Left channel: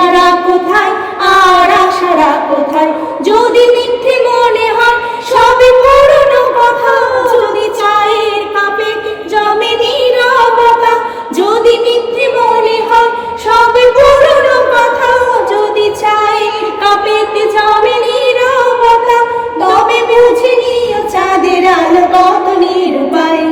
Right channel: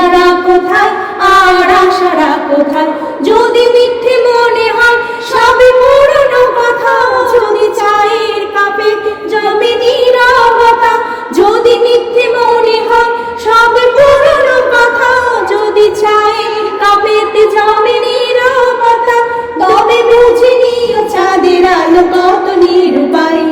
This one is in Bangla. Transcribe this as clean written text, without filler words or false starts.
নেশারা কোথায় আর আশারা কোথায়, যদি মিথ্যে মনে হয় সবই পুরনো কথা, যদি চায়ের কাপে জমে নীরবতা, যদি মিথ্যে মনে হয় সবই পুরনো কথা, যদি চায়ের কাপেতে জমে নীরবতা, তবে বুঝে নিও চাঁদের আলো কত নিরূপায়।